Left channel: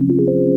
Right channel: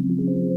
Thank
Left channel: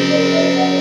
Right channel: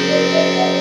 Música